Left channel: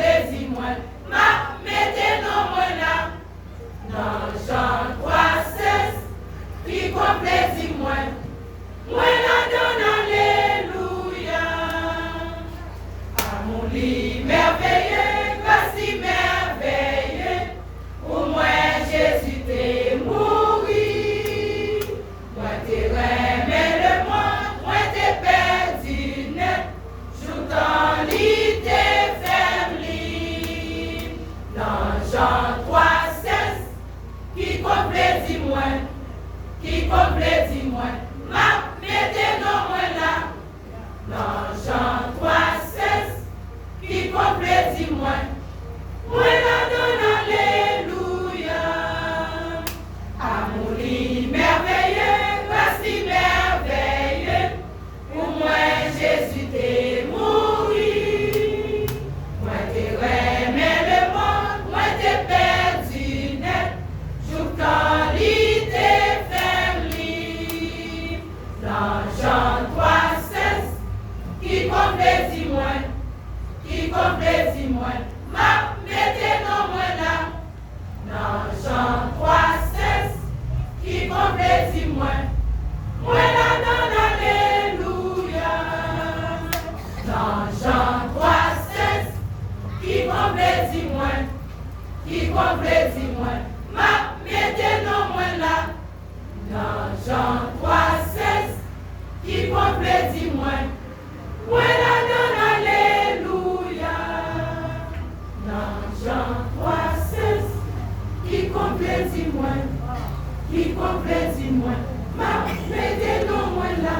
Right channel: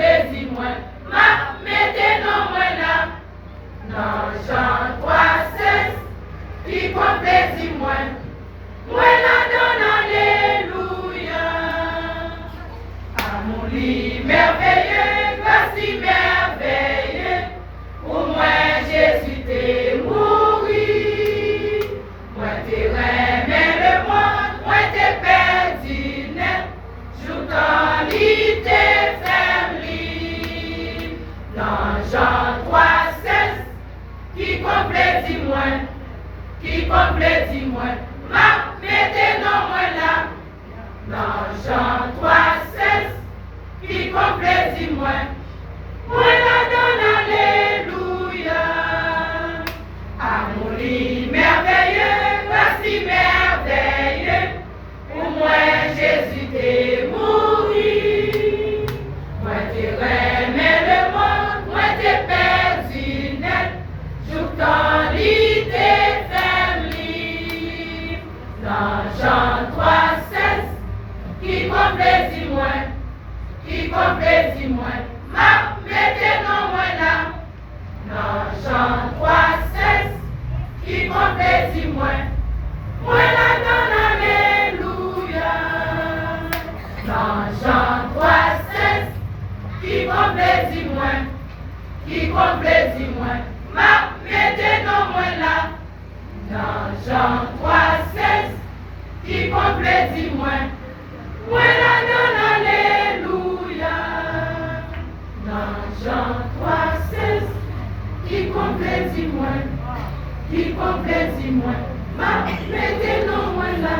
plaisir moi, ma mettez non moi là. Dans Jean 3,16, qui comme plaisir moi la donne alléluia. Amour li merveilleux, grâce li merveilleux, pour moi Jésus t'est mouru. Moi t'es remis le monde, moi t'es perdu net, joutant li t'es fermé. Dans Jean 3,16, qui complète moi, qui complète moi, ma mettez non moi là. Dans Jean 3,16, qui complète moi la donne alléluia. Amour li merveilleux, grâce li merveilleux, pour moi Jésus t'est mouru. Moi t'es remis le monde, moi t'es perdu net, joutant li t'es fermé. Dans Jean 3,16, qui complète moi, qui complète moi, ma mettez non moi là. Dans Jean 3,16, qui complète moi la donne alléluia. Dans Jean 3,16, qui complète moi, qui complète moi, ma mettez non moi là. Dans Jean 3,16, qui complète moi la donne alléluia. Dans Jean 3,16, qui complète moi, qui complète moi, ma mettez non moi là.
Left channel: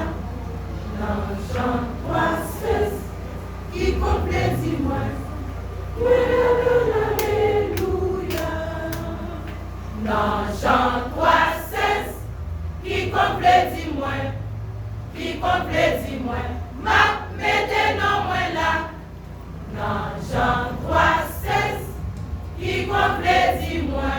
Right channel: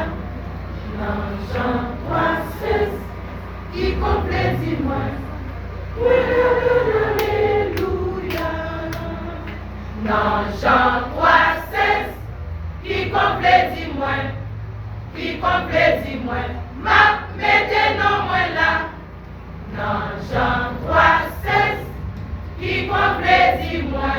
Dans Jean 3,16, qui complète moi la donne alléluia. Dans Jean 3,16, qui complète moi, qui complète moi, ma mettez non moi là. Dans Jean 3,16, qui complète moi